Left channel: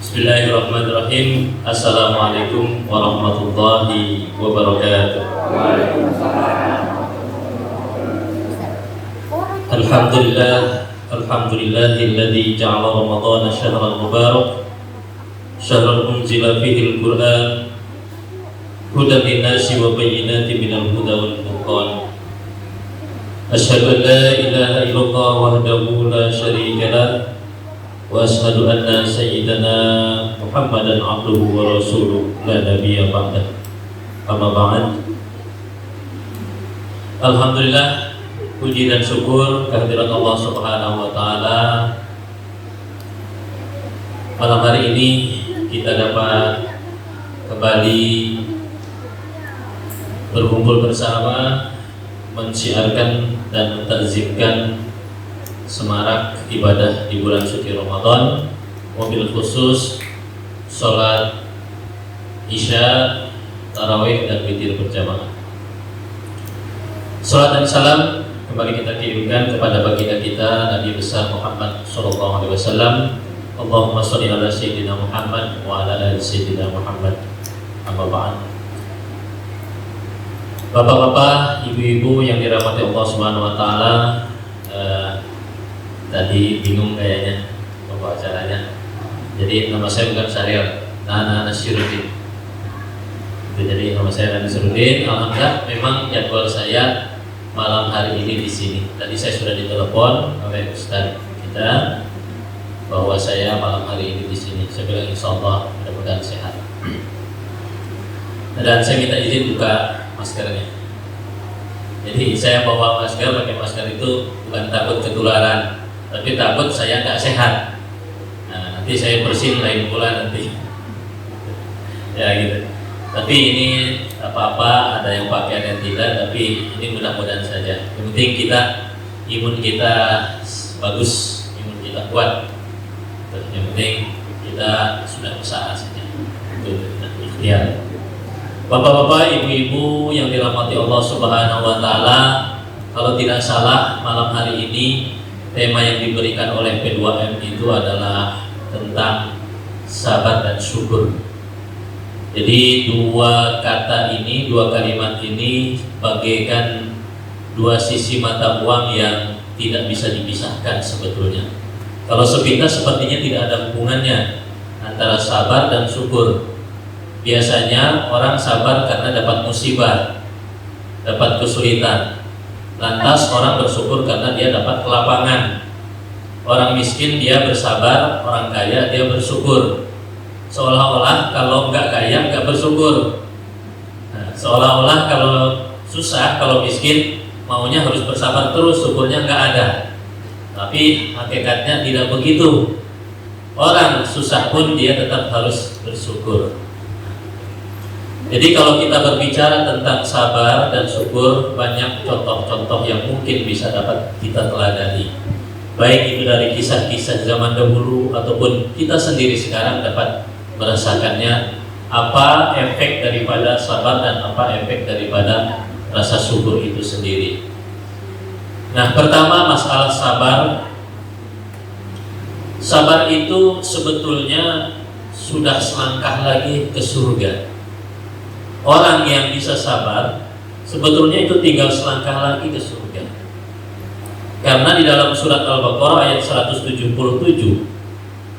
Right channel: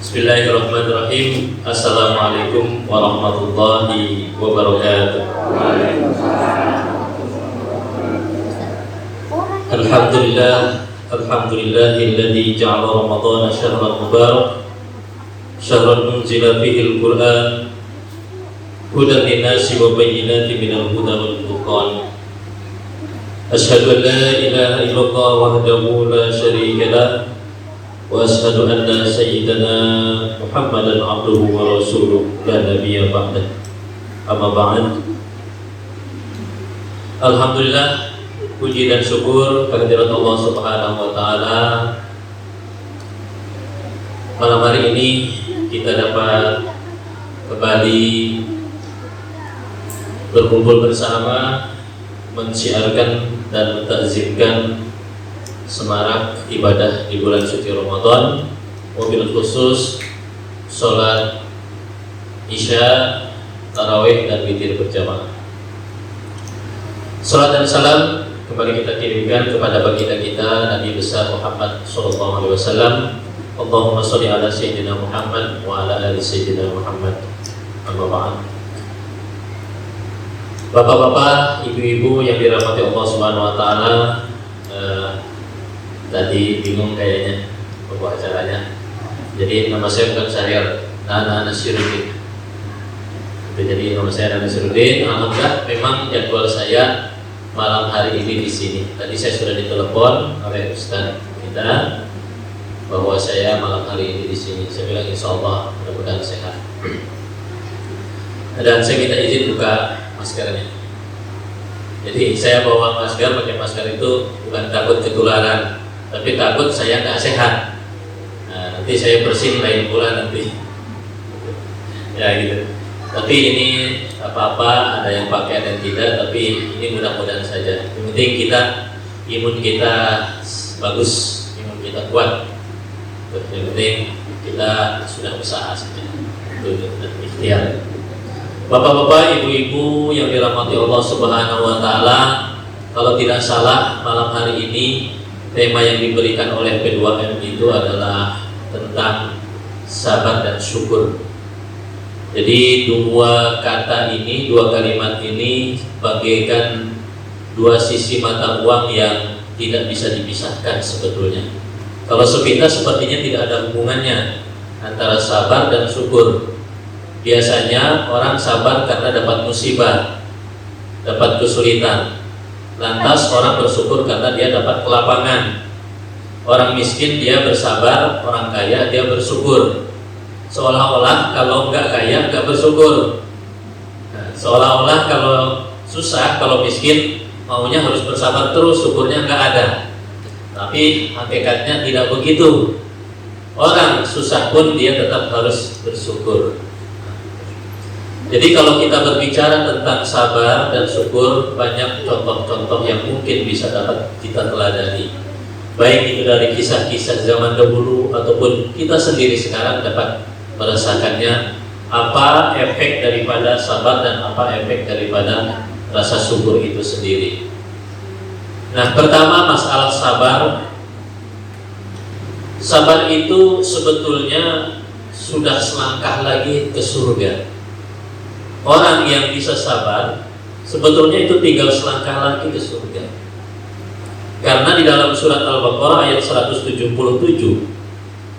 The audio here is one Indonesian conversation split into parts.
Bismillahirrahmanirrahim. Assalamualaikum warahmatullahi wabarakatuh. Alhamdulillahilladzi ja'ala Ramadhana syahran mubarak, syahran unzila fihi al-Qur'an, hudan lin-nasi wa bayyinatin minal huda wal furqan. Asyhadu an la ilaha illallah wahdahu la syarika lah, wa asyhadu anna sayyidana Muhammadan abduhu wa rasuluh la nabiyya ba'dah. Amma ba'd. Alhamdulillah, puji dan syukur kehadirat Allah Subhanahu wa taala. Malam hari ini kita dapat kembali berkumpul bersama, mensiarkan dan mentakzimkan semarak ibadah di bulan suci Ramadan, wabil khusus sholat isya, tarawih dan witir berjamaah. Salat dan salam kembali kita kirimkan kepada baginda kita Nabi besar Muhammad sallallahu alaihi wasallam. Allahumma shalli ala sayyidina Muhammad wa ala ali sayyidina Muhammad. Amma ba'd. Bapak-bapak, ibu-ibu yang dirahmati Allah Subhanahu wa taala, tadi bingung kayaknya bawa acaranya. Jadi nama saya bukan Syahrial, Nana Nasyirudin. Jadi nama saya Nana Nasyirudin. Alhamdulillah, memang jadwal saya malam hari ini di sini. Tadi saya sudah ditelepon oleh Ustaz kita bahwa saya malam hari ini di sini. Saya bilang insyaallah mudah-mudahan sehat. Dan saya minta izin buka maskernya. Jadi saya bawa masker, pakai masker itu bukan takut ketularan, tapi takut saya nggak sehat. Nah, nanti saya bersin lain pula nanti. Ya gitu. Tapi ini apa-apa, ada yang pakai ada yang tidak, tapi ini mudah-mudahan saja. Yang penting imun kita bagus, imun kita kuat. Yang penting kita sudah usaha saja. Itu ikhtiar. Bapak-bapak, ibu-ibu yang dirahmati Allah Subhanahu wa taala, kalau tidak salah malam hari ini tema yang diberikan oleh P2M itu adalah tentang sabar dan syukur. Jadi dua kalimat ini bagaikan dua sisi mata uang yang tidak bisa dipisahkan sebetulnya. Kalau sepintas sepertinya tidak ada hubungannya antara sabar dan syukur. Biasanya orang sabar karena dapat musibah, dapat kesulitan. Lantas orang bersyukur karena dia dapat kelapangan. Orang miskin dia bersabar, orang kaya dia bersyukur. Seolah-olah kalau enggak kaya enggak bersyukur. Nah, seolah-olah kalau susah, kalau miskin maunya harus bersabar terus, syukurnya enggak ada. Tapi hakikatnya tidak begitu. Orang susah pun dia tetap harus bersyukur. Jadi kalau kita berbicara tentang sabar dan syukur, banyak contoh-contoh yang mungkin bisa dapat kita teladani. Baik itu dari kisah-kisah zaman dahulu ataupun kita sendiri sekarang dapat merasakannya, apa efek daripada sabar dan apa efek daripada rasa syukur itu sendiri. Nah, pertama masalah sabar. Sabar itu sebetulnya sudah selangkah lagi ke surga. Orang yang bisa sabar sebetulnya itu tinggal selangkah lagi ke surga. Karena di dalam surat Al-Baqarah ayat 177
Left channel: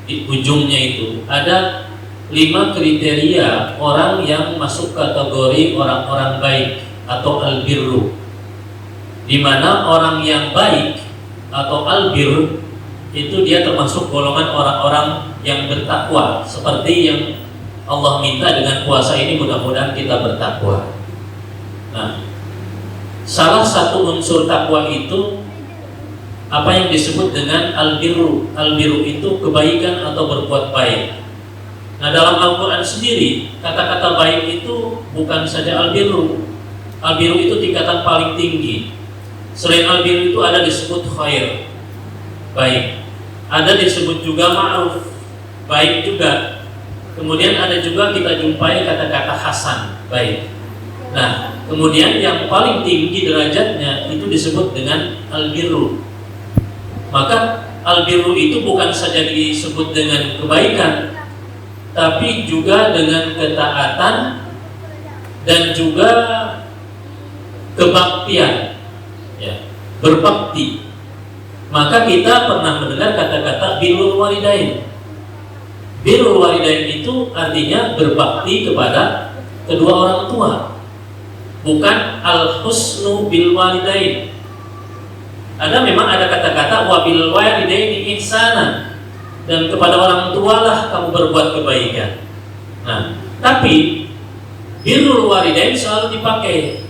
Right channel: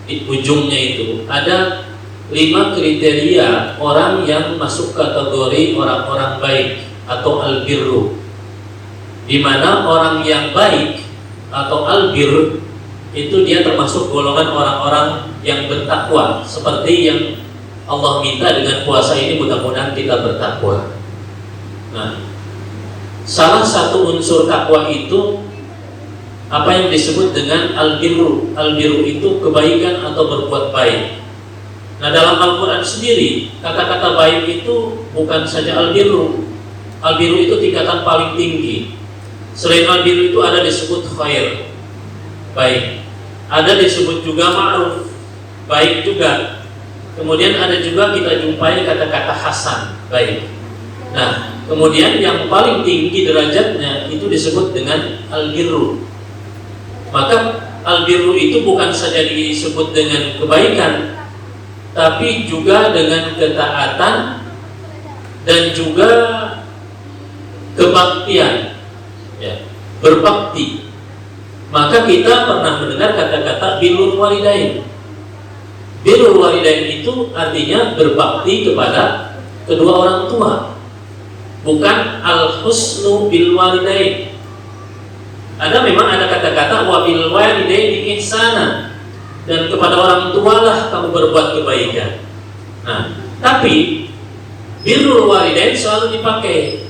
di ujungnya itu ada 5 kriteria orang yang masuk kategori orang-orang baik atau al-birru. Di mana orang yang baik atau al-birr itu dia termasuk golongan orang-orang yang bertakwa, seperti yang Allah minta dengan puasa ini, mudah-mudahan kita bertakwa. Nah, salah satu unsur takwa itu apa yang disebut dengan al-birru. Al-birru itu kebaikan atau berbuat baik. Nah, dalam Al-Quran sendiri kata-kata baik itu bukan saja al-birru. Al-birru itu tingkatan paling tinggi. Selain al-birru itu ada disebut khair, baik. Ada disebut juga ma'ruf, baik juga. Kemudian ada juga kita jumpai kata-kata hasan, baik. Nah, kemudian yang paling tinggi derajatnya itu disebut dengan al-birru. Maka al-birru itu bukan saja disebut dengan kebaikan, tapi juga dengan ketaatan dan juga kebaktian, ya, berbakti. Maka kita pernah mendengar kata-kata birrul walidain. Birrul walidain itu artinya berbakti kepada kedua orang tua, bukan al-husnu bil walidain. Memang ada kata-kata wa bil walidaini ihsana, dan kepada orang tua lah kamu berbuat kebaikan. Nah, tapi birrul walidain selalu dipakai.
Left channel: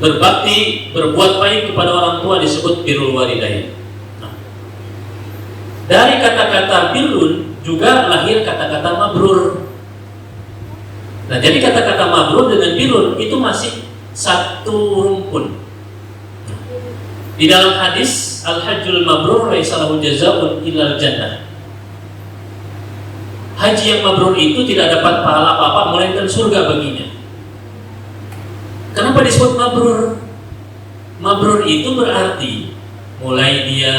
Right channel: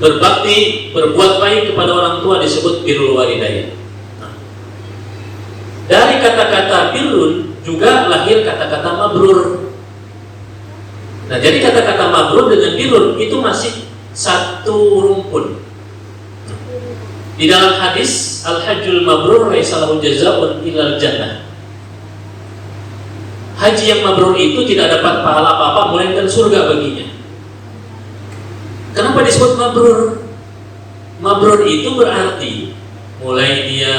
Berbakti, berbuat baik kepada orang tua disebut birrul walidain. Nah, dari kata-kata birrun juga lahir kata-kata mabrur. Nah, jadi kata-kata mabrur dengan birrun itu masih satu rumpun. Di dalam hadis al-hajjul mabrur laisa lahu jazaa'un illal jannah. Haji yang mabrur itu tidak dapat pahala apa-apa melainkan surga baginya. Kenapa disebut mabrur? Mabrur itu berarti mulai dia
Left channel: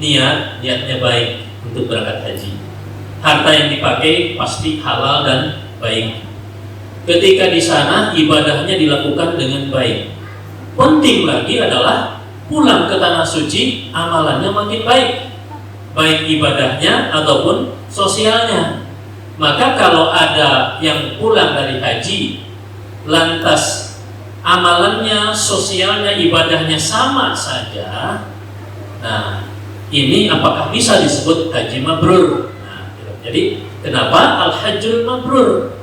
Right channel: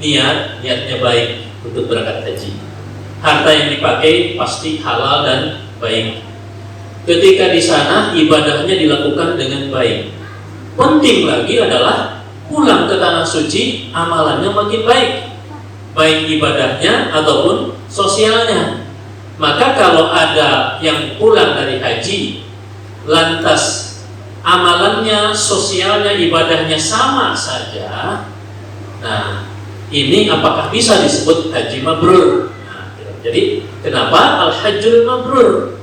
niatnya baik untuk berangkat haji. Harta yang dipakai pasti halal dan baik. Ketika di sana ibadahnya dilakukan dengan baik. Penting lagi adalah pulang ke tanah suci amalannya makin baik, baik ibadahnya ataupun sosialnya. Maka kalau ada yang pulang dari haji lantas amalannya, sosialnya, ibadahnya sama saja, nah ini apakah bisa disebut haji mabrur? Nah, jadi kenapa al-hajjul mabrur?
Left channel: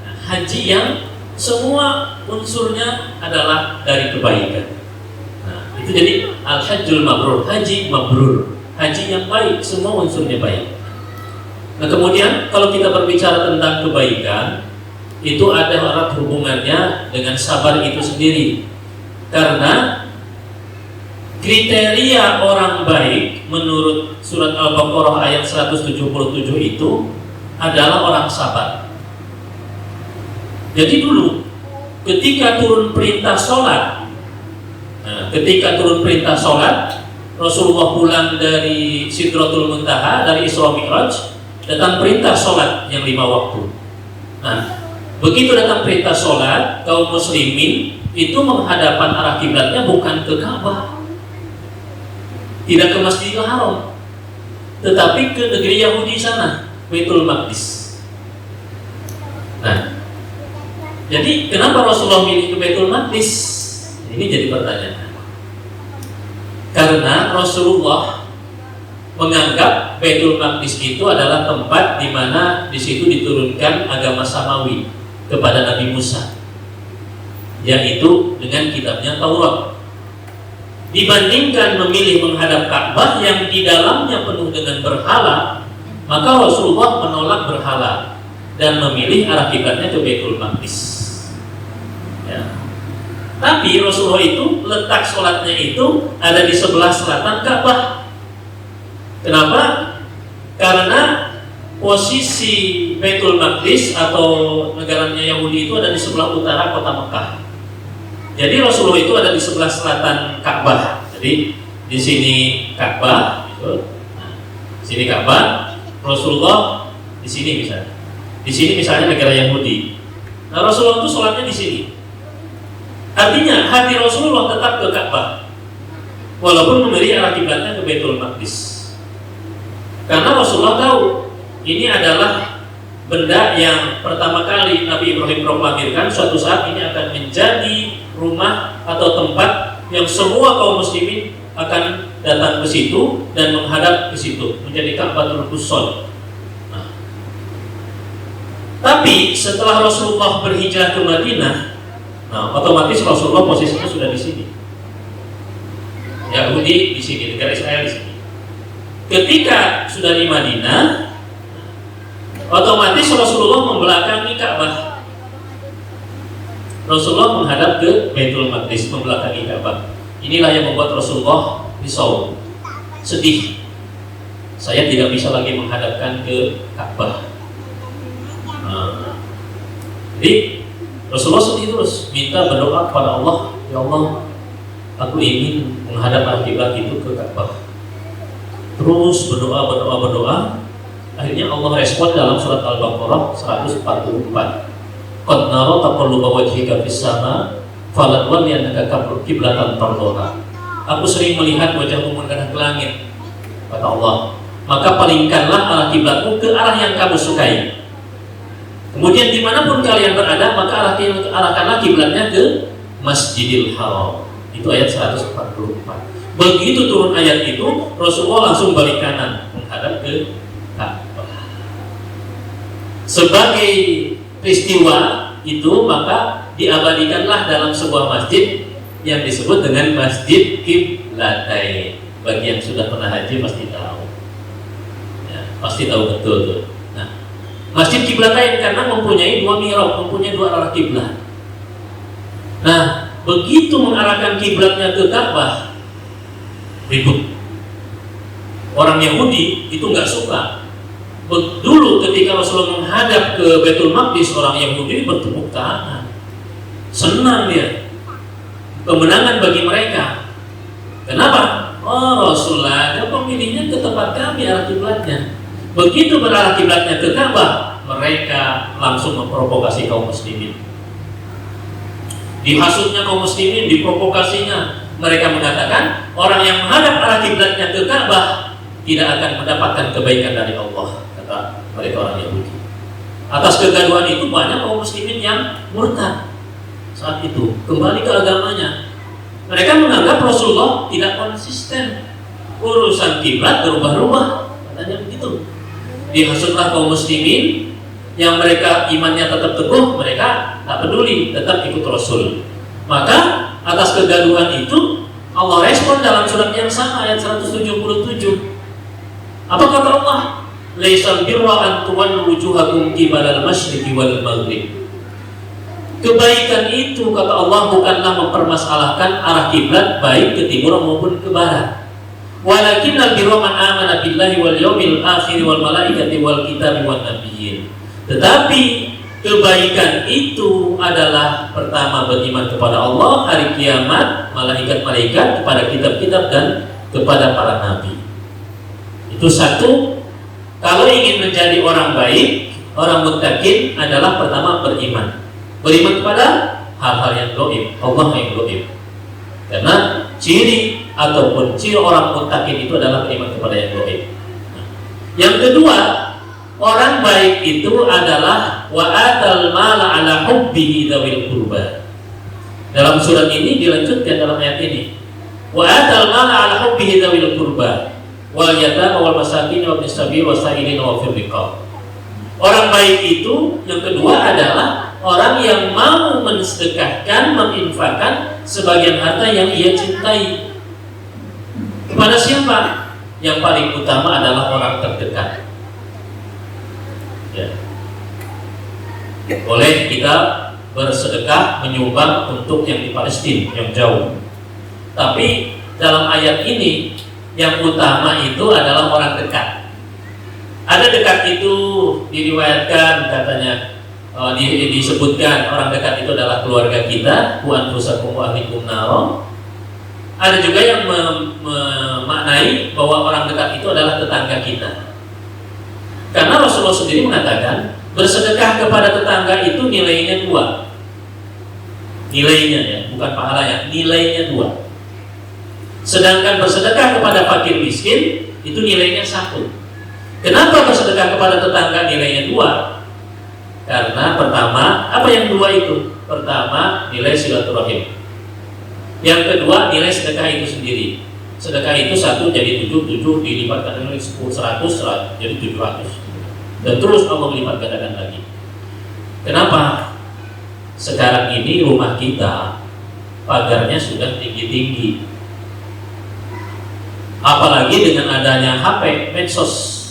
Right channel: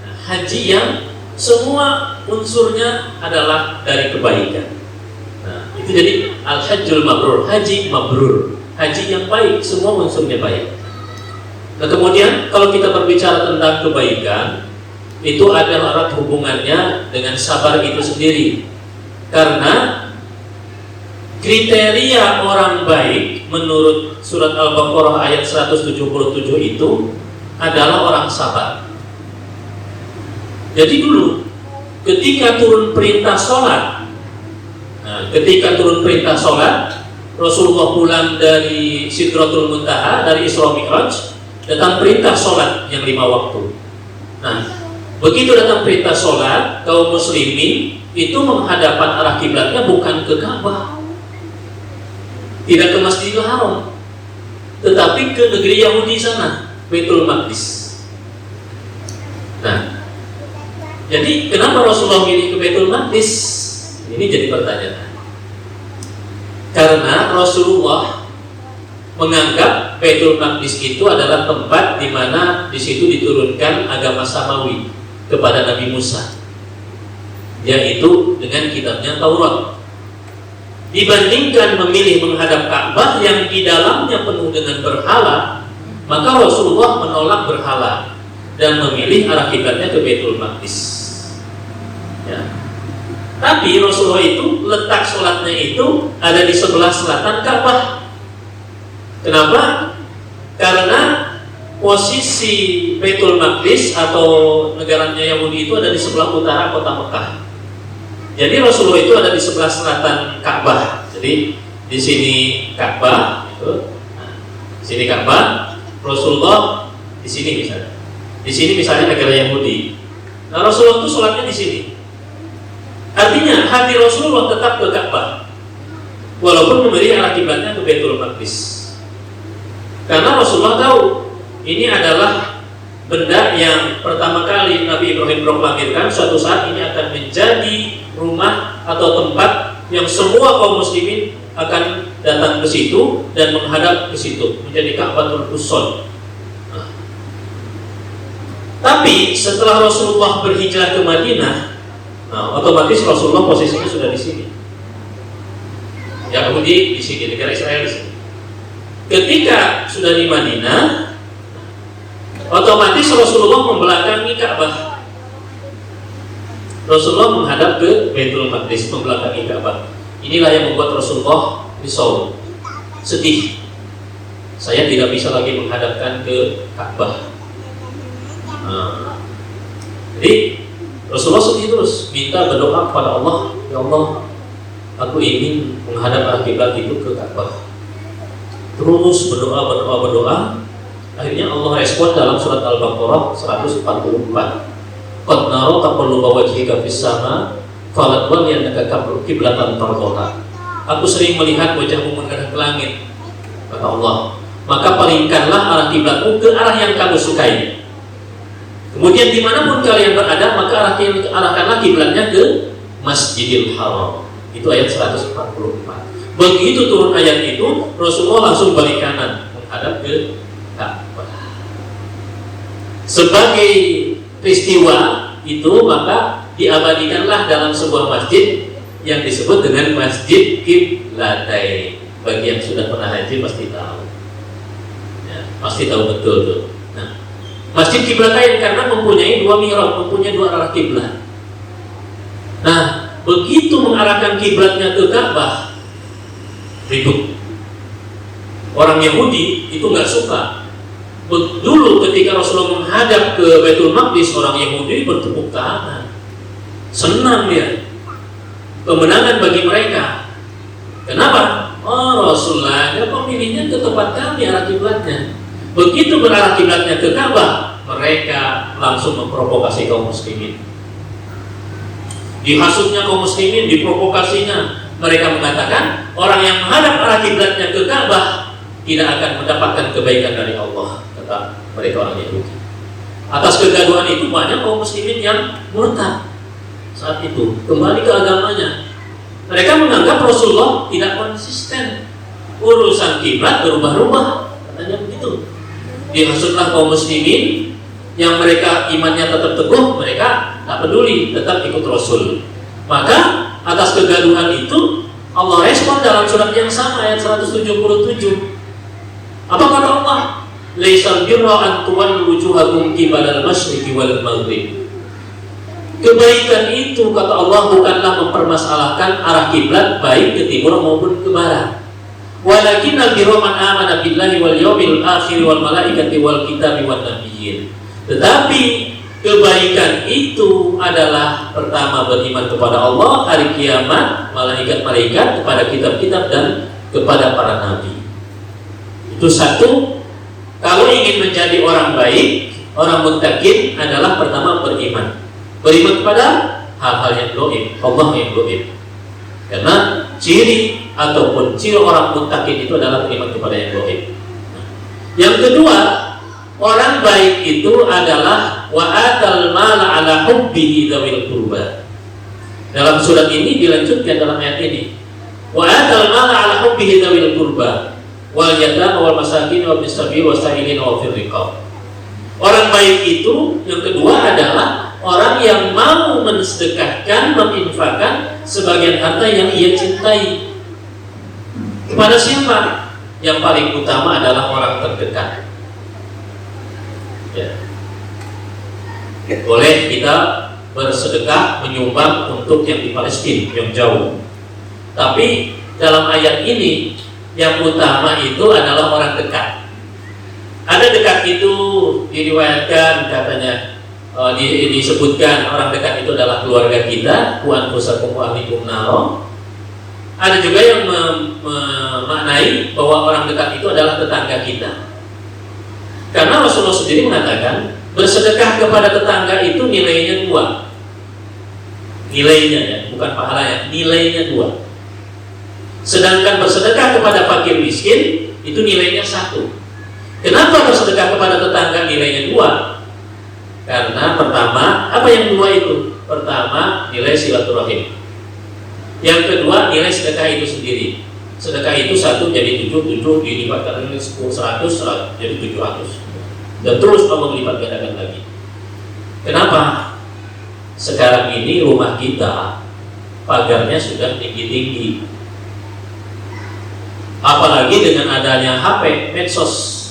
Nah, haji yang semua unsurnya adalah dari kebaikan. Nah, itu jadi al-hajjul mabrur, haji mabrur, haji yang baik, semua unsurnya baik. Nah, kemudian kalau kita berbicara tentang kebaikan, itu ada erat hubungannya dengan sabar itu sendiri. Karena kriteria orang baik menurut surat Al-Baqarah ayat 177 itu adalah orang sabar. Jadi dulu ketika turun perintah sholat, Rasulullah pulang dari Sidratul Muntaha, dari Isra Mi'raj, datang perintah sholat yang 5 waktu. Nah, begitu datang perintah sholat, kaum muslimin itu menghadapkan arah kiblatnya bukan ke Ka'bah, tidak ke Masjidil Haram, tetapi ke negeri Yahudi sana, Baitul Maqdis. Nah, jadi kenapa Rasulullah milih ke Baitul Maqdis? Ini jadi pertanyaan. Karena Rasulullah menganggap Baitul Maqdis itu adalah tempat di mana di situ diturunkan agama Samawi kepada Nabi Musa, yaitu dengan kitabnya Taurat. Dibandingkan memilih menghadap Ka'bah yang di dalamnya penuh dengan berhala, maka Rasulullah menolak berhala dan memilih arah kiblatnya ke Baitul Maqdis. Ya. Tapi Rasulullah itu letak sholatnya itu ada di sebelah selatan Ka'bah. Kenapa? Karena posisi Baitul Maqdis atau negaranya Yahudi itu ada di sebelah utara kota Mekah. Jadi Rasulullah itu ada di sebelah selatan Ka'bah. Jadi di sini Ka'bah, gitu. Nah, di sini Ka'bah, Rasulullah di sini misalnya. Di sini misalnya negara Yahudi. Nah, Rasulullah itu sholatnya di sini. Artinya hati Rasulullah tetap ke Ka'bah, walaupun memberi arah kiblatnya ke Baitul Maqdis. Karena Rasulullah tahu ini adalah benda yang pertama kali Nabi Ibrahim proklamasikan, suatu saat ini akan menjadi rumah atau tempat yang semua kaum muslimin akan datang ke situ dan menghadap ke situ, menjadi Ka'batul Qusson. Nah, tapi setelah Rasulullah berhijrah ke Madinah, nah, otomatis Rasulullah posisinya sudah di sini. Yahudi di sini, negara Israel di sini. Ketika sudah di Madinah, otomatis Rasulullah membelakangi Ka'bah. Rasulullah menghadap ke Baitul Maqdis, membelakangi Ka'bah. Inilah yang membuat Rasulullah risau, sedih. Saya tidak bisa lagi menghadapkan ke Ka'bah. Nah, jadi Rasulullah sedih terus, minta berdoa kepada Allah, ya Allah, aku ingin menghadap al-qiblat itu ke Ka'bah. Terus berdoa. Akhirnya akhirnya Allah respon dalam surat Al-Baqarah 144. Qad nara taqalluba wajhika fis sama falatwalliyannaka qiblatan tardhaha. Aku sering melihat wajahmu menghadap ke langit, kata Allah, maka palingkanlah arah kiblatmu ke arah yang kamu sukai. Kemudian dimanapun kalian berada, maka arahkanlah kiblatnya ke Masjidil Haram. Itu ayat 144. Begitu turun ayat itu, Rasulullah langsung balik kanan menghadap ke Ka'bah. Sebagai peristiwa itu, maka diabadikanlah dalam sebuah masjid yang disebut dengan Masjid Qiblatain. Bagi yang sudah pernah haji pasti tahu, ya, pasti tahu betul tuh. Nah, Masjid Qiblatain karena mempunyai dua mihrab, mempunyai dua arah kiblat. Nah, begitu mengarahkan kiblatnya ke Ka'bah, ribut. Orang Yahudi itu nggak suka. Dulu ketika Rasulullah menghadap ke Baitul Maqdis, orang Yahudi bertepuk tangan, senang dia, kemenangan bagi mereka. Kenapa? Oh, Rasulullah, dia pemilihnya ke tempat kami arah kiblatnya. Begitu berarah kiblatnya ke Ka'bah, mereka langsung memprovokasi kaum muslimin. Dihasutnya kaum muslimin, diprovokasinya. Mereka mengatakan orang yang menghadap arah kiblatnya ke Ka'bah tidak akan mendapatkan kebaikan dari Allah, kata mereka orang Yahudi. Atas kegaduhan itu banyak kaum muslimin yang murtad saat itu, kembali ke agamanya. Mereka menganggap Rasulullah tidak konsisten, urusan kiblat berubah-ubah, katanya begitu. Dihasutlah kaum muslimin yang mereka imannya tetap teguh, mereka tak peduli, tetap ikut Rasul. Maka atas kegaduhan itu Allah respon dalam surat yang sama ayat 177. Apa kata Allah? Laisal birra an tuwallu wujuhakum qibalal masyriqi wal maghrib. Kebaikan itu, kata Allah, bukanlah mempermasalahkan arah kiblat baik ke timur maupun ke barat. Walakinnal birra man amana billahi wal yawmil akhir wal malaikati wal kitabi wan nabiyyin. Tetapi kebaikan itu adalah pertama beriman kepada Allah, hari kiamat, malaikat-malaikat, kepada kitab-kitab dan kepada para nabi. Itu satu. Kalau ingin menjadi orang baik, orang muttaqin adalah pertama beriman. Beriman kepada hal-hal yang gaib, Allah yang gaib. Karena ciri ataupun ciri orang muttaqin itu adalah beriman kepada yang gaib. Yang kedua, orang baik itu adalah wa atal mala ala hubbihi dzawil qurba. Dalam surat ini dilanjutkan dalam ayat ini. Wa atal mala ala hubbihi dzawil qurba wal yatama wal masakin wa ibnis sabil wa sa'ilin wa fir riqab. Orang baik itu yang kedua adalah orang yang mau mensedekahkan, menginfakkan sebagian harta yang ia cintai. Kepada siapa? Yang paling utama adalah orang terdekat. Ya. Boleh kita bersedekah, menyumbang untuk yang di Palestina, yang jauh. Tapi dalam ayat ini yang utama itu adalah orang dekat. Ada dekat itu diriwayatkan katanya, disebutkan orang dekat itu adalah keluarga kita, wa anfusakum wa ahlikum naro. Ada juga yang memaknai bahwa orang dekat itu adalah tetangga kita. Karena Rasulullah sendiri mengatakan bersedekah kepada tetangga itu nilainya 2. Nilainya ya, bukan pahalanya, nilainya 2. Sedangkan bersedekah kepada fakir miskin itu nilainya 1. Kenapa bersedekah kepada tetangga nilainya 2? Karena pertama, apa yang 2 itu? Pertama, nilai silaturahim. Yang kedua, nilai sedekah itu sendiri. Sedekah itu 1 jadi 7 dilipat kali 10 100 jadi 700. Dan terus Allah melipat gandakan lagi. Kenapa? Sekarang ini rumah kita pagarnya sudah tinggi-tinggi. Apalagi dengan adanya HP, medsos,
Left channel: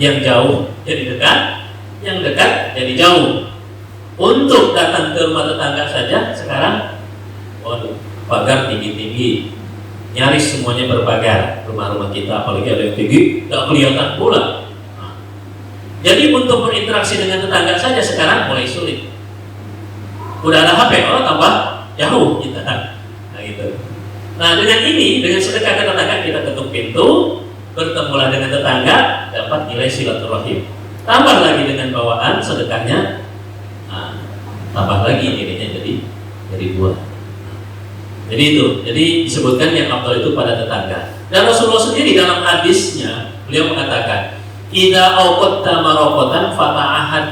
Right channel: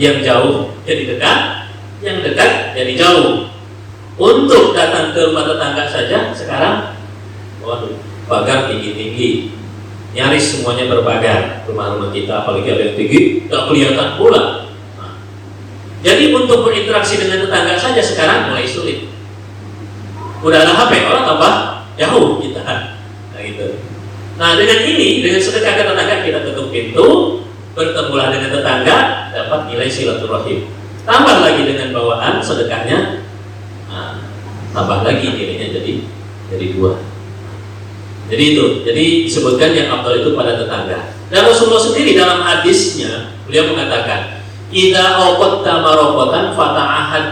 yang jauh jadi dekat, yang dekat jadi jauh. Untuk datang ke rumah tetangga saja sekarang, waduh, pagar tinggi-tinggi, nyaris semuanya berpagar rumah-rumah kita. Apalagi ada yang tinggi, nggak kelihatan pula. Jadi untuk berinteraksi dengan tetangga saja sekarang mulai sulit. Udah ada HP, orang tambah jauh kita. Nah gitu. Nah dengan ini, dengan sedekah ke tetangga kita tutup pintu, bertemulah dengan tetangga, dapat nilai silaturahim. Tambah lagi dengan bawaan sedekahnya, nah, tambah lagi nilainya jadi 2. Jadi itu, jadi disebutkan yang afdal itu pada tetangga. Dan Rasulullah sendiri dalam hadisnya beliau mengatakan, "Idza awqatta maroqatan fata'ahad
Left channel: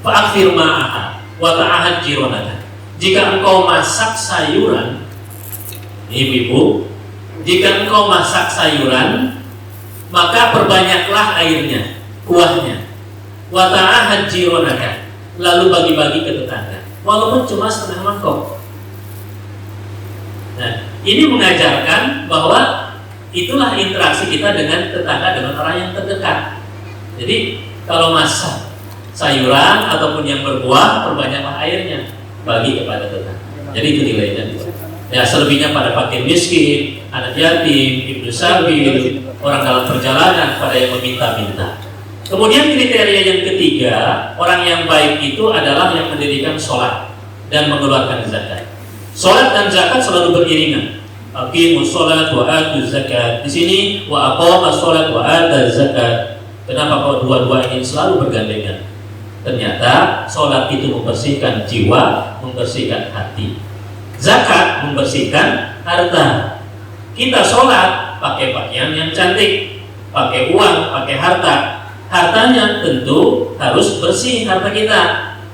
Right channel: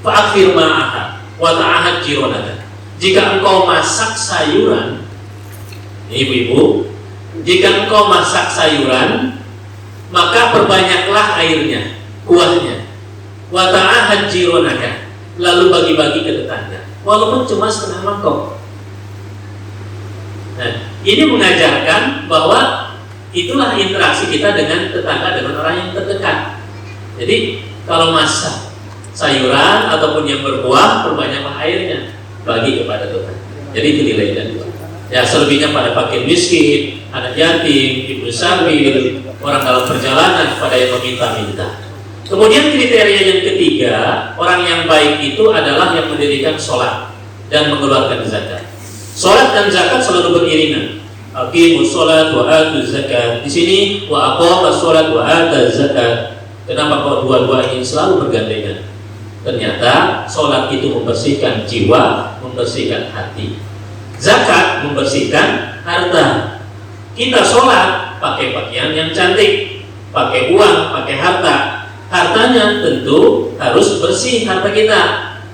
fa'akhir ma'ahad wa ta'ahad jironaka." Jika engkau masak sayuran, ibu-ibu, jika engkau masak sayuran, maka perbanyaklah airnya, kuahnya. Wa ta'ahad jironaka, lalu bagi-bagi ke tetangga, walaupun cuma setengah mangkok. Nah, ini mengajarkan bahwa itulah interaksi kita dengan tetangga, dengan orang yang terdekat. Jadi kalau masak sayuran ataupun yang berbuah, perbanyaklah airnya, bagi kepada tetangga. Jadi itu nilainya. Ya, selebihnya pada fakir miskin, anak yatim, ibnu sabil, orang dalam perjalanan, pada yang meminta-minta. Kemudian kriteria yang ketiga, orang yang baik itu adalah yang mendirikan sholat dan mengeluarkan zakat. Sholat dan zakat selalu beriringan. Aqimus sholat wa atuz zakat. Di sini wa aqamas sholat wa atuz zakat. Kenapa kok dua-dua ini selalu bergandengan? Ternyata sholat itu membersihkan jiwa, membersihkan hati. Zakat membersihkan harta. Kita sholat pakai pakaian yang cantik, pakai uang, pakai harta. Hartanya tentu harus bersih harta kita,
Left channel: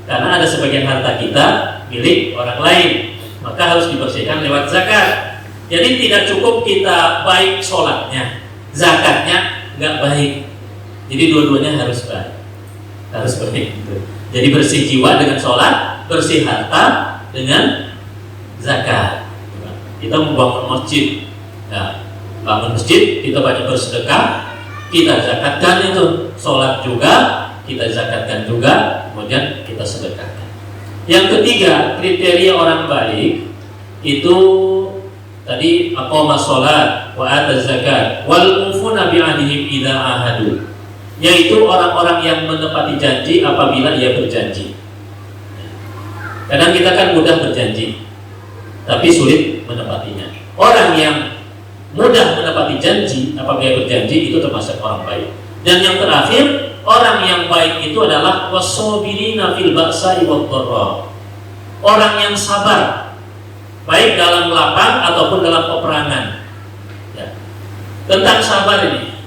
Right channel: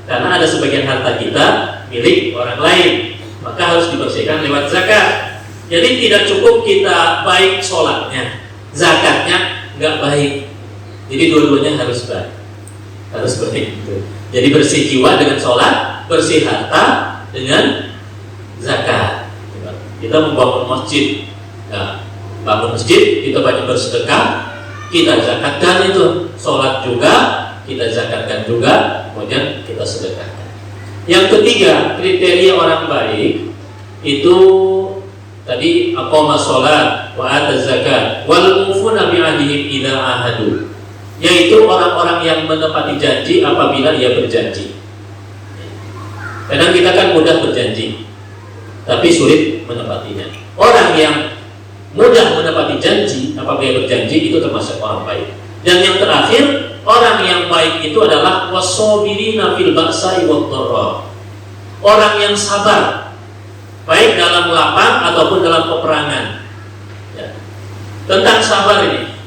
karena ada sebagian harta kita milik orang lain, maka harus dibersihkan lewat zakat. Jadi tidak cukup kita baik sholatnya, zakatnya nggak baik. Jadi dua-duanya harus baik, harus seperti itu. Jadi bersih jiwa dengan sholat, bersih harta dengan zakat. Kita membangun masjid, nah, bangun masjid kita banyak bersedekah, kita zakatkan itu. Sholat juga kita zakatkan juga, kemudian kita sedekahkan. Yang ketiga, kriteria orang baik itu tadi aqama sholat wa ata zakat wal mufuna bi ahdihim idza ahadu, yaitu orang-orang yang menepati janji apabila ia berjanji. Kadang kita kan mudah berjanji tapi sulit menepatinya. Orang yang mudah menepati janji apabila berjanji itu termasuk orang baik. Dan yang terakhir, orang yang baik itu adalah wasobirina fil ba'sa'i wad dharra. Orang yang sabar baik dalam lapang ataupun dalam peperangan. Ya. Tentang sabar ini.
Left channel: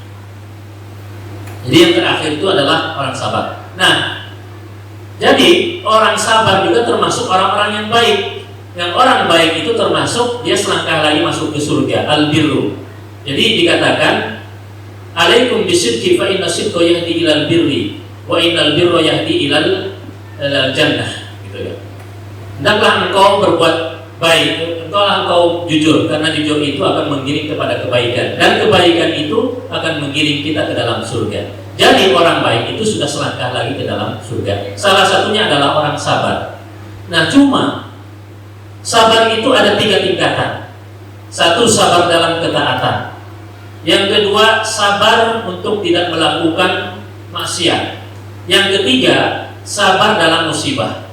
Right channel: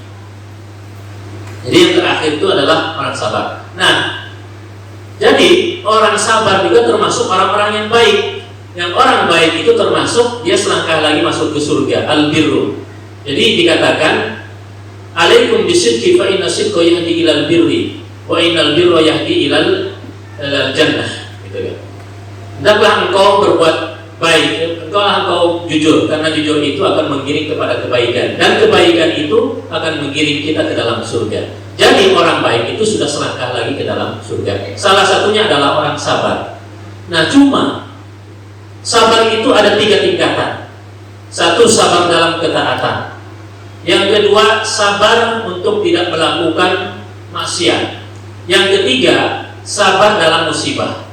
Jadi yang terakhir itu adalah orang sabar. Nah, jadi orang sabar juga termasuk orang-orang yang baik. Yang orang baik itu termasuk dia selangkah lagi masuk ke surga, al-birru. Jadi dikatakan alaikum bisidqi fa inna sidqa yahdi ilal birri wa innal birra yahdi ilal jannah, gitu ya. Hendaklah engkau berbuat baik, engkau jujur, karena jujur itu akan mengiring kepada kebaikan, dan kebaikan itu akan mengiring kita ke dalam surga. Jadi orang baik itu sudah selangkah lagi ke dalam surga. Salah satunya adalah orang sabar. Nah, cuma sabar itu ada 3 tingkatan. Satu, sabar dalam ketaatan. Yang kedua, sabar untuk tidak melakukan maksiat. Yang ketiga, sabar dalam musibah.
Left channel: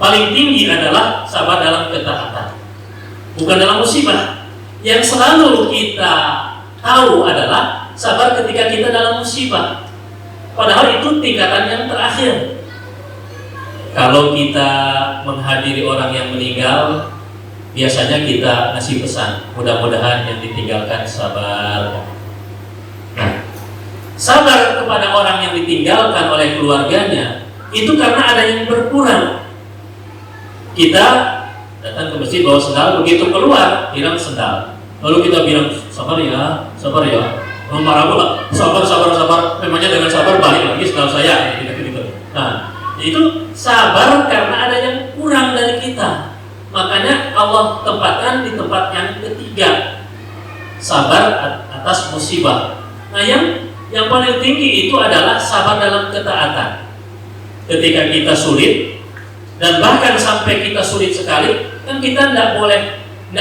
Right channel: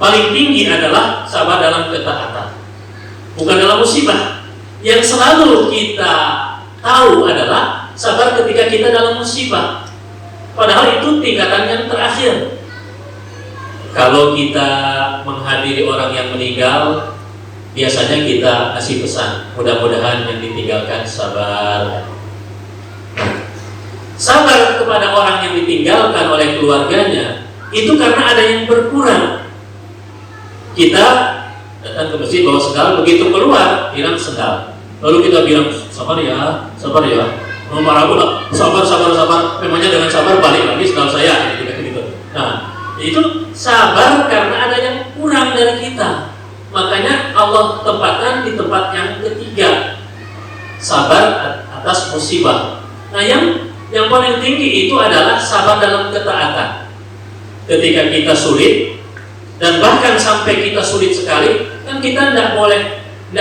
Paling tinggi adalah sabar dalam ketaatan, bukan dalam musibah. Yang selalu kita tahu adalah sabar ketika kita dalam musibah. Padahal itu tingkatan yang terakhir. Kalau kita menghadiri orang yang meninggal, biasanya kita ngasih pesan, mudah-mudahan yang ditinggalkan sabar. Sabar kepada orang yang ditinggalkan oleh keluarganya itu karena ada yang berkurang. Kita datang ke masjid bawa sendal, begitu keluar hilang sendal, lalu kita bilang sabar ya, marah pula, sabar, memangnya dengan sabar balik lagi sendal saya, gitu. Nah, itu sabar karena ada yang kurang dari kita. Makanya Allah tempatkan di tempat yang ketiga, sabar atas musibah. Nah, yang paling tinggi itu adalah sabar dalam ketaatan. Ketika kita sulit, dan bahkan sampai kita sulit sekali, kan kita tidak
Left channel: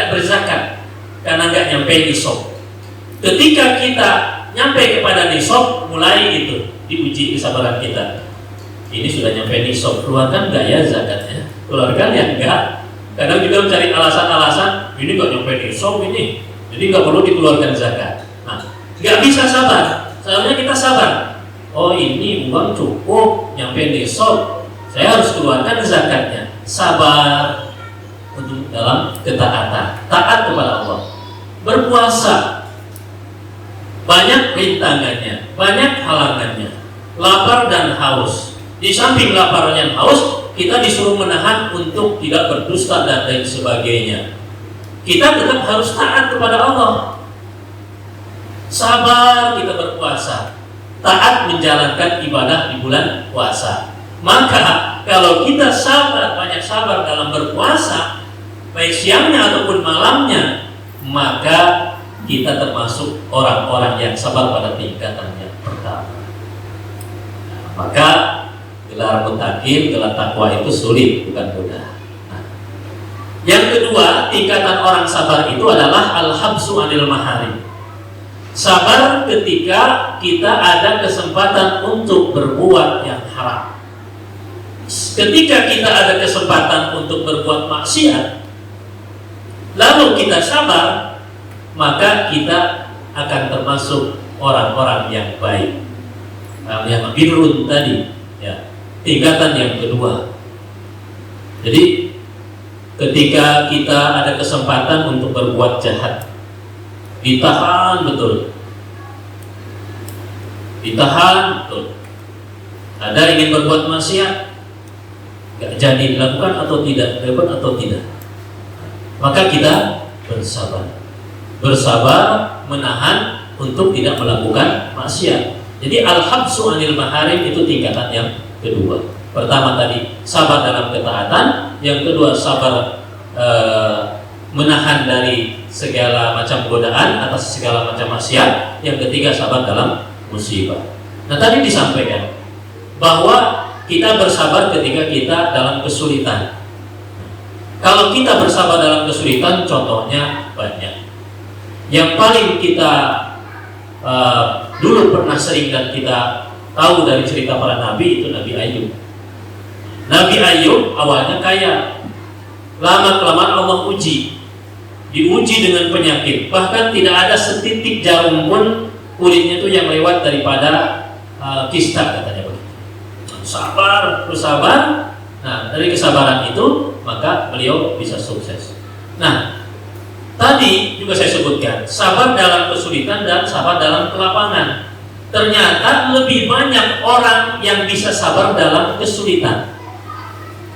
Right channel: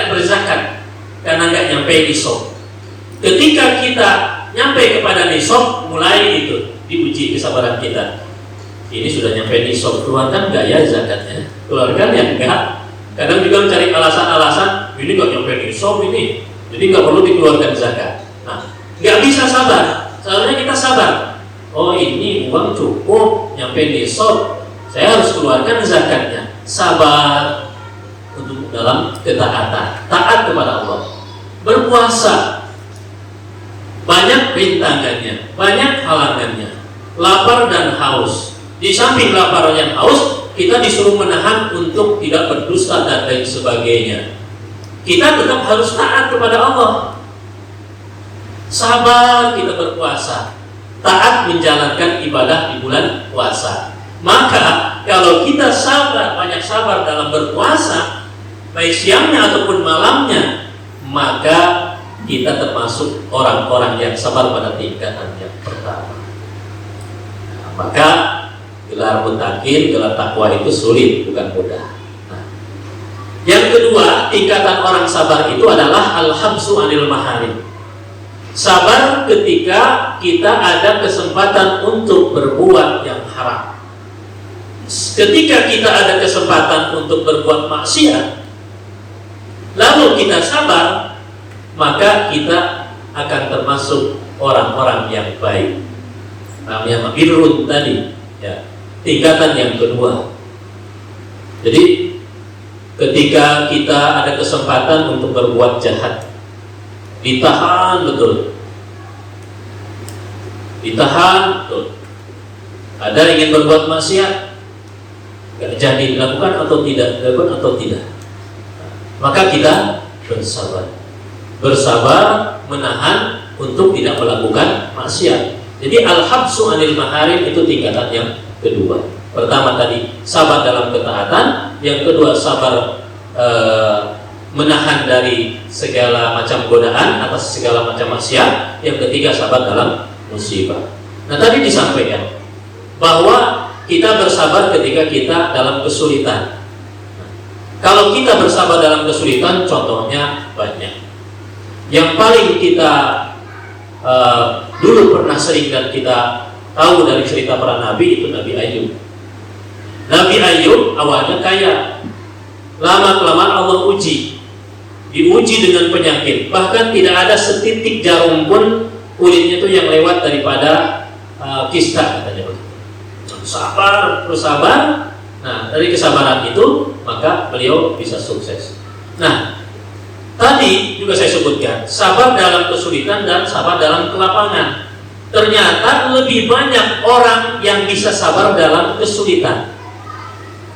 berzakat karena nggak nyampe nisab. Ketika kita nyampe kepada nisab, mulai itu diuji kesabaran kita. Ini sudah nyampe nisab, keluarkan nggak ya zakatnya? Keluarkan ya enggak. Kadang juga mencari alasan-alasan, ini nggak nyampe nisab ini, jadi nggak perlu dikeluarkan zakat. Nah, Nggak bisa sabar. Seharusnya kita sabar. Oh, ini uang cukup, nyampe besok, saya harus keluarkan zakatnya. Sabar untuk dalam ketaatan, taat kepada Allah. Berpuasa, banyak rintangannya, banyak halangannya. Lapar dan haus. Di samping lapar dan haus, kita disuruh menahan untuk tidak berdusta dan lain sebagainya. Kita tetap harus taat kepada Allah. Sabar kita berpuasa, taat menjalankan ibadah di bulan puasa. Maka kalau kita sabar, banyak sabar dalam berpuasa, baik siangnya ataupun malamnya, maka kita termasuk orang-orang yang sabar pada tingkatan yang pertama. Maka gelar mutakin, gelar takwa itu sulit, bukan mudah. Yang kedua, tingkatan orang sabar itu adalah al-habsu anil maharim. Sabar ketika kita ada kesempatan untuk berbuat yang haram. Ketika kita ada kesempatan untuk berbuat maksiat, lalu kita sabar, maka kita akan termasuk orang-orang yang baik. Yang birrun tadi, ya, tingkatan yang kedua. Jadi ketika kita ada kesempatan untuk berbuat jahat, ditahan betul. Ditahan betul. Ada ingin berbuat maksiat, gak jadi dilakukan atau tidak, dilakukan atau tidak. Maka kita bersabar. Bersabar menahan untuk tidak melakukan maksiat. Jadi al-habsu anil maharim itu tingkatan yang kedua. Pertama tadi sabar dalam ketaatan, yang kedua sabar menahan dari segala macam godaan atas segala macam maksiat, yang ketiga sabar dalam musibah. Nah, tadi disampaikan bahwa kita bersabar ketika kita dalam kesulitan. Kalau kita bersabar dalam kesulitan, contohnya banyak. Yang paling kita dulu pernah sering dan kita tahu dari cerita para nabi itu Nabi Ayub. Nabi Ayub awalnya kaya, lama-kelamaan Allah diuji dengan penyakit, bahkan tidak ada setitik jarum pun kulitnya itu yang lewat daripada kista, katanya. Sabar, bersabar. Nah, dari kesabaran itu maka beliau bisa sukses. Nah, tadi juga saya sebutkan sabar dalam kesulitan dan sabar dalam kelapangan. Ternyata lebih banyak orang yang bisa sabar dalam kesulitan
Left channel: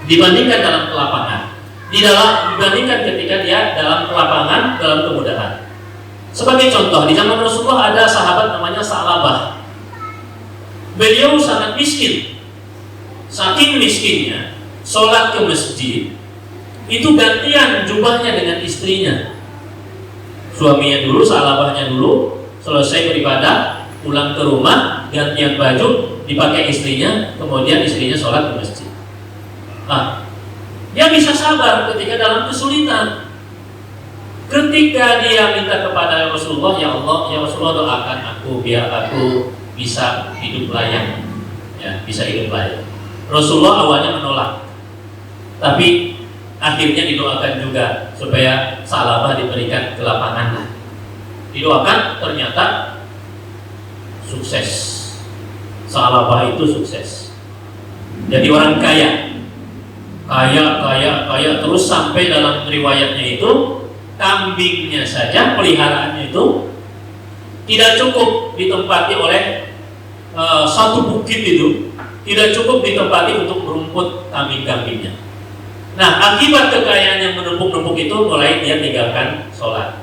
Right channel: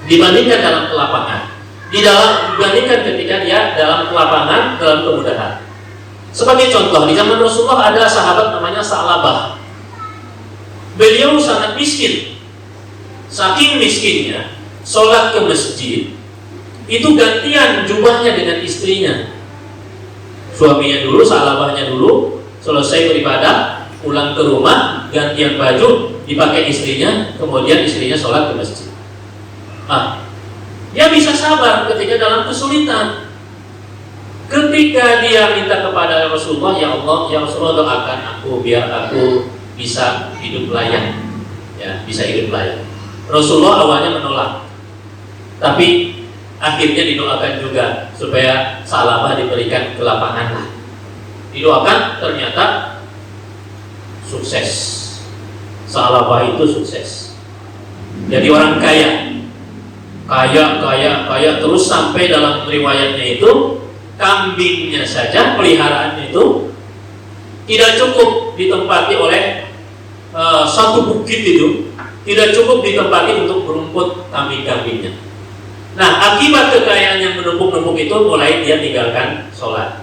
dibandingkan dalam kelapangan. Dibandingkan ketika dia dalam kelapangan, dalam kemudahan. Sebagai contoh, di zaman Rasulullah ada sahabat namanya Sa'labah. Beliau sangat miskin. Saking miskinnya, sholat ke masjid itu gantian jubahnya dengan istrinya. Suaminya dulu, Sa'labahnya dulu, selesai beribadah, pulang ke rumah, gantian baju, dipakai istrinya, kemudian istrinya sholat ke masjid. Nah, dia bisa sabar ketika dalam kesulitan. Ketika dia minta kepada Rasulullah, ya Allah, ya Rasulullah, doakan aku biar aku bisa hidup layak, ya, bisa hidup layak. Rasulullah awalnya menolak, tapi akhirnya didoakan juga supaya Sa'labah diberikan kelapangan. Didoakan, ternyata sukses. Sa'labah itu sukses. Jadi orang kaya terus sampai dalam riwayatnya itu kambingnya saja, peliharaannya itu tidak cukup ditempati oleh satu bukit itu, tidak cukup ditempati untuk merumput kambing-kambingnya. Nah, akibat kekayaan yang menumpuk-numpuk itu mulai dia tinggalkan sholat.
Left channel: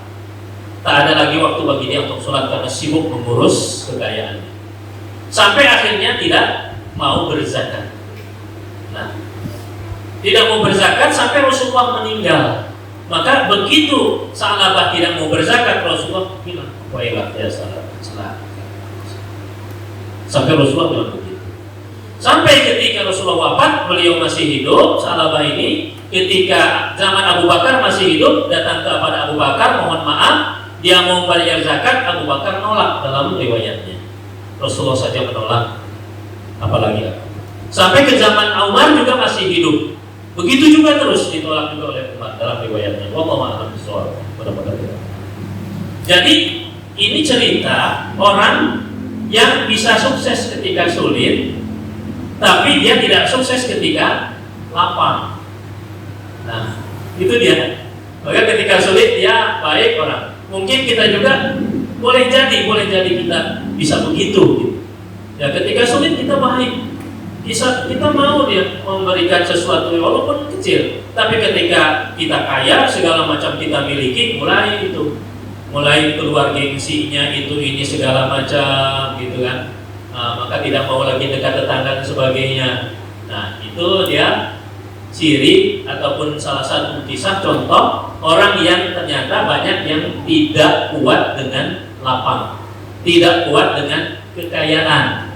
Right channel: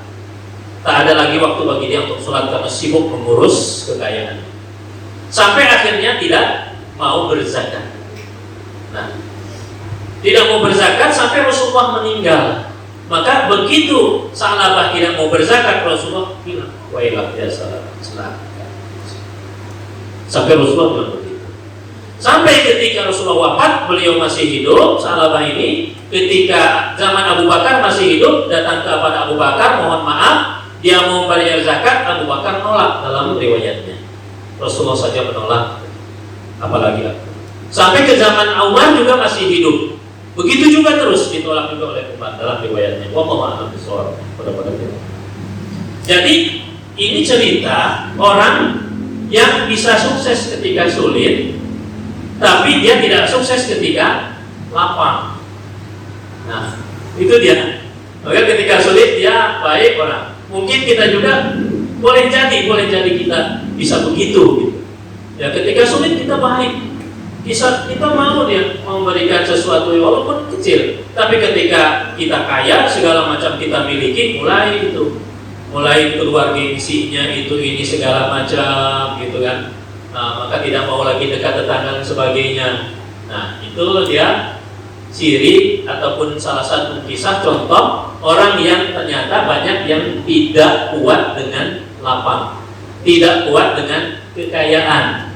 Tak ada lagi waktu bagi dia untuk sholat karena sibuk mengurus kekayaannya. Sampai akhirnya tidak mau berzakat. Nah, tidak mau berzakat sampai Rasulullah meninggal. Maka begitu Sa'labah tidak mau berzakat, Rasulullah bilang, "Wailah ya Sa'labah." Sampai Rasulullah bilang begitu. Sampai ketika Rasulullah wafat, beliau masih hidup, Sa'labah ini ketika zaman Abu Bakar masih hidup, datang kepada Abu Bakar, mohon maaf, dia mau bayar zakat, Abu Bakar nolak dalam riwayatnya. Rasulullah saja menolak, apalagi aku. Sampai ke zaman Umar juga masih hidup. Begitu juga terus ditolak juga oleh Umar dalam riwayatnya. Wallahu a'lam bishawab. Jadi Ini cerita orang yang bisa sukses ketika sulit, tapi dia tidak sukses ketika lapang. Nah, itu dia. Maka ketika sulit dia baik orang. Mungkin kita juga boleh jadi kita bisa begitu. Gitu. Ya, ketika sulit kita baik. Kita mau dia memberikan sesuatu walaupun kecil. Tapi ketika kita kaya, segala macam kita miliki, mulai keluar gengsinya ini segala macam gitu kan. Maka tidak mau lagi dekat tetangga dan sebagainya. Nah, itu dia ciri ataupun salah satu kisah contoh orang yang ternyata banyak yang tidak kuat dengan lapang, tidak kuat dengan kekayaan.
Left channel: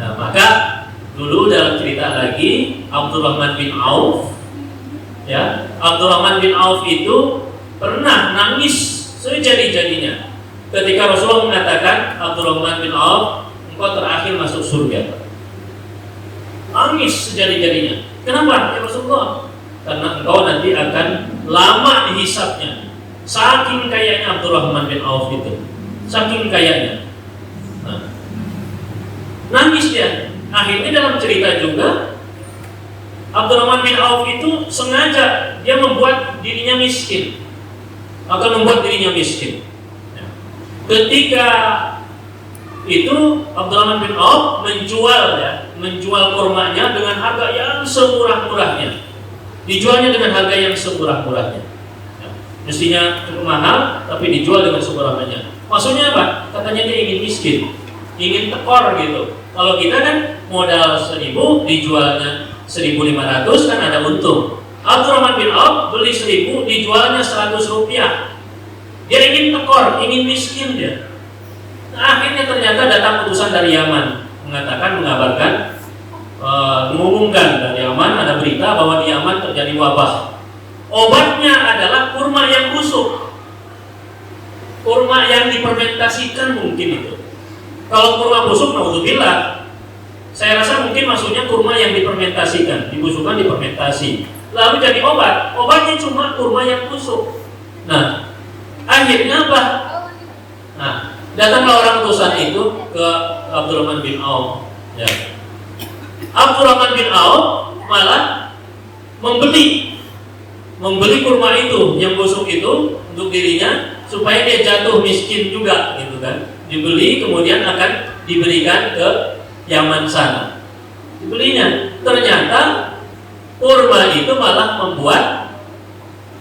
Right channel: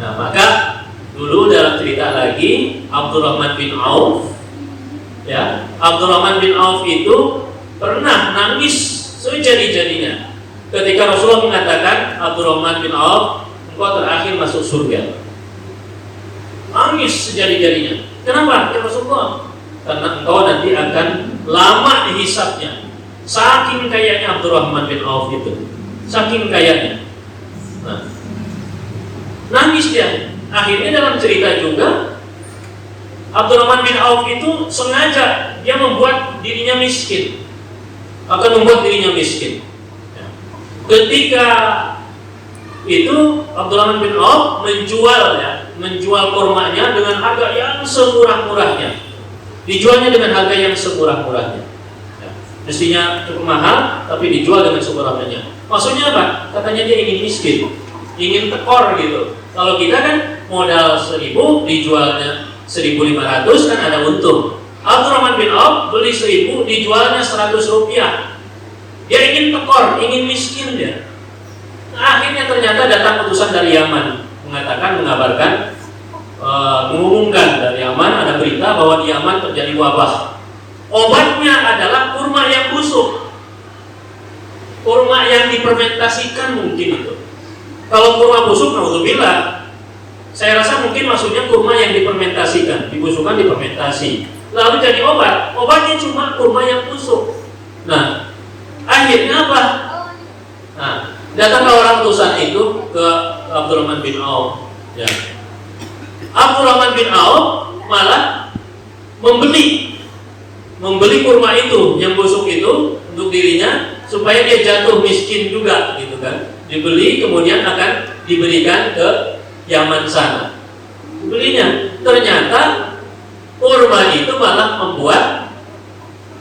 Nah, maka dulu dalam cerita lagi Abdurrahman bin Auf, ya, Abdurrahman bin Auf itu pernah nangis sejadi-jadinya ketika Rasulullah mengatakan, Abdurrahman bin Auf, engkau terakhir masuk surga. Nangis sejadi-jadinya. Kenapa? Ya Rasulullah, karena engkau nanti akan lama dihisapnya. Saking kayanya Abdurrahman bin Auf itu, saking kayanya. Nah, nangis dia. Akhirnya dalam cerita juga Abdurrahman bin Auf itu sengaja dia membuat dirinya miskin, akan membuat dirinya miskin. Ketika itu Abdurrahman bin Auf menjual kurmanya dengan harga yang semurah-murahnya, dijualnya dengan harga yang semurah-murahnya. Mestinya cukup mahal, tapi dijual dengan semurah-murahnya. Maksudnya apa? Katanya dia ingin miskin, ingin tekor gitu. Kalau kita kan modal 1.000 dijualnya 1.500 kan ada untung. Abdurrahman bin Auf beli 1.000 dijualnya 100 rupiah. Dia ingin tekor, ingin miskin dia. Nah, akhirnya ternyata datang utusan dari Yaman mengabarkan, mengumumkan dari Yaman ada berita bahwa di Yaman terjadi wabah. Obatnya adalah kurma yang busuk, kurma yang difermentasikan mungkin itu. Kalau kurma busuk, naudzubillah, saya rasa mungkin maksudnya kurma yang difermentasikan, dibusukkan difermentasi, lalu jadi obat. Obatnya cuma kurma yang busuk. Nah, akhirnya apa? Nah, datanglah orang utusan itu ke Abdurrahman bin Auf. Ya. Abdurrahman bin Auf malah membeli kurma itu yang busuk itu untuk dirinya supaya dia jatuh miskin juga, gitu kan? Dibeli kemudian akan diberikan ke Yaman sana. Dibelinya, ternyata kurma itu malah membuat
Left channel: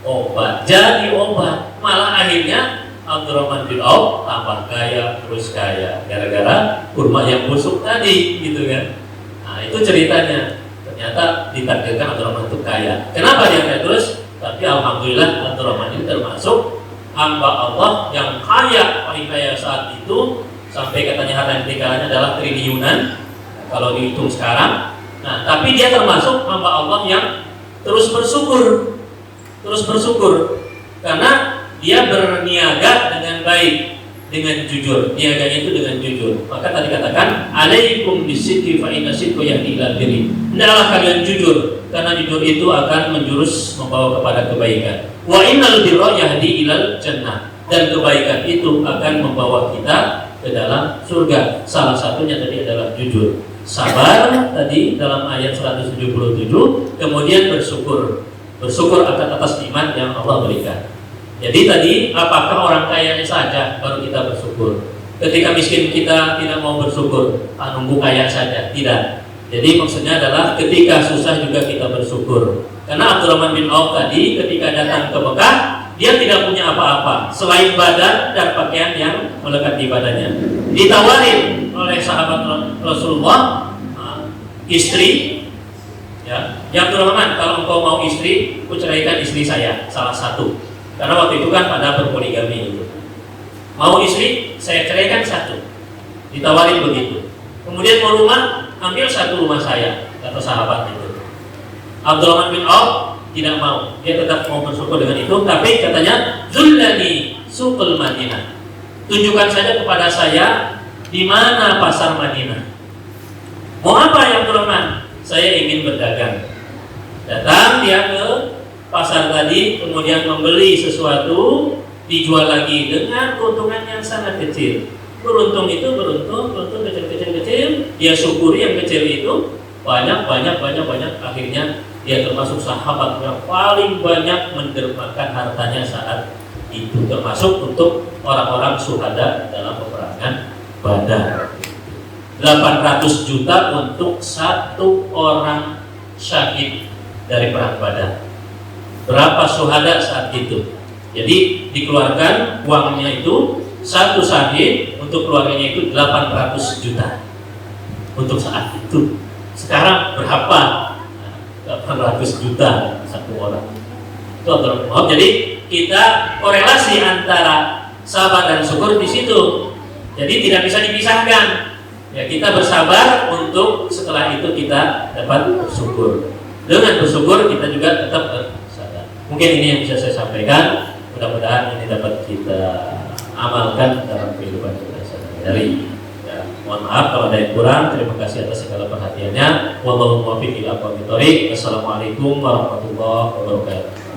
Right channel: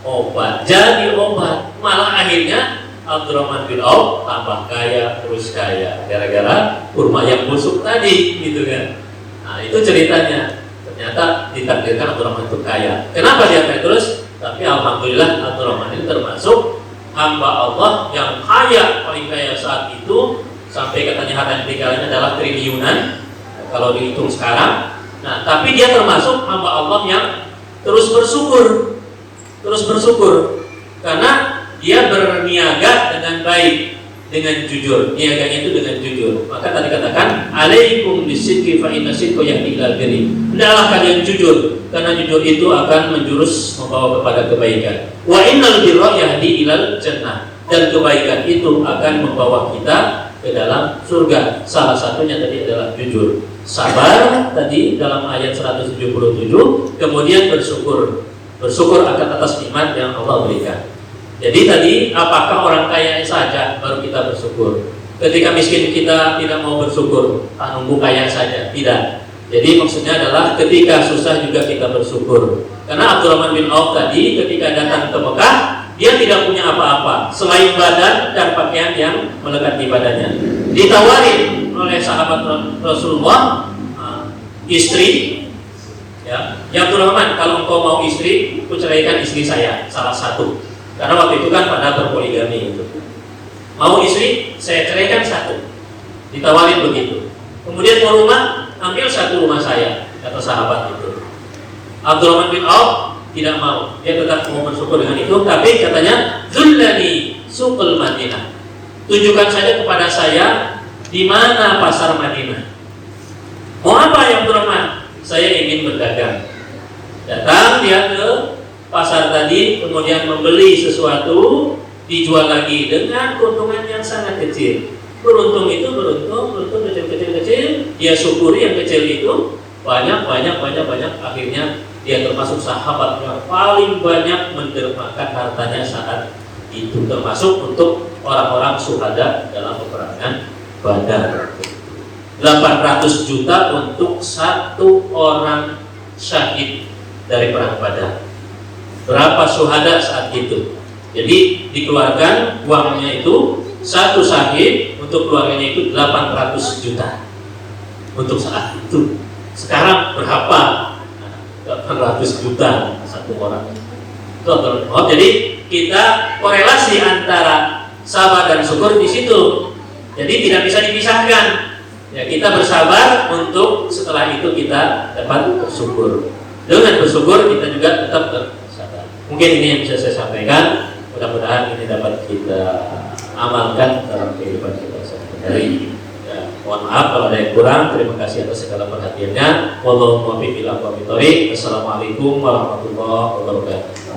obat, jadi obat. Malah akhirnya Abdurrahman bin Auf tambah kaya, terus kaya gara-gara kurma yang busuk tadi, gitu kan. Nah, itu ceritanya. Ternyata ditakdirkan Abdurrahman itu kaya. Kenapa dia kaya terus? Tapi alhamdulillah Abdurrahman ini termasuk hamba Allah yang kaya, paling kaya saat itu, sampai katanya harta yang ditinggalannya adalah triliunan kalau dihitung sekarang. Nah, tapi dia termasuk hamba Allah yang terus bersyukur karena dia berniaga dengan baik, dengan jujur. Niaganya itu dengan jujur. Maka tadi katakan, alaikum bisidqi fa inna sidqa yahdi ilal birri. Hendaklah kalian jujur, karena jujur itu akan menjurus membawa kepada kebaikan. Wa innal birra yahdi ilal jannah. Dan kebaikan itu akan membawa kita ke dalam surga. Salah satunya tadi adalah jujur. Sabar tadi dalam ayat 177, kemudian bersyukur. Bersyukur akan atas nikmat yang Allah berikan. Jadi tadi apakah orang kaya saja baru kita bersyukur? Ketika miskin kita tidak mau bersyukur, nunggu kaya saja, tidak. Jadi maksudnya adalah ketika susah juga kita bersyukur. Karena Abdurrahman bin Auf tadi ketika datang ke Mekah, dia tidak punya apa-apa selain badan dan pakaian yang melekat di badannya. Ditawarin oleh sahabat Rasulullah, istri, ya Abdurrahman, kalau engkau mau istri, aku ceraikan istri saya, salah satu. Karena waktu itu kan pada berpoligami itu. Mau istri, saya ceraikan satu. Ditawarin begitu. Kemudian mau rumah, ambil satu rumah saya, kata sahabat itu. Abdurrahman bin Auf tidak mau. Dia tetap mau bersyukur dengan itu, tapi katanya, Zullani suqul Madinah. Tunjukkan saja kepada saya di mana pasar Madinah. Mau apa ya Abdurrahman? Saya ingin berdagang. Datang dia ke pasar tadi, kemudian membeli sesuatu, dijual lagi dengan keuntungan yang sangat kecil. Beruntung itu beruntung kecil, dia syukuri yang kecil itu banyak, akhirnya dia termasuk sahabat yang paling banyak mendermakan hartanya saat itu, termasuk untuk orang-orang syuhada dalam peperangan Badar. 800 juta untuk satu orang syahid dari perang Badar. Berapa syuhada saat itu? Jadi dikeluarkan uangnya itu, satu syahid untuk keluarganya itu 800 juta untuk saat itu. Sekarang berapa? 800 juta satu orang. Jadi kita korelasi antara sabar dan syukur di situ. Jadi tidak bisa dipisahkan. Ya, kita bersabar untuk setelah itu kita dapat bersyukur. Dengan bersyukur kita juga tetap bersabar. Mungkin ini yang bisa saya sampaikan. Mudah-mudahan ini dapat kita amalkan dalam kehidupan kita sehari-hari. Mohon maaf kalau ada yang kurang. Terima kasih atas segala perhatiannya. Wallahu muwaffiq ila aqwamit thoriq. Wassalamualaikum warahmatullahi wabarakatuh.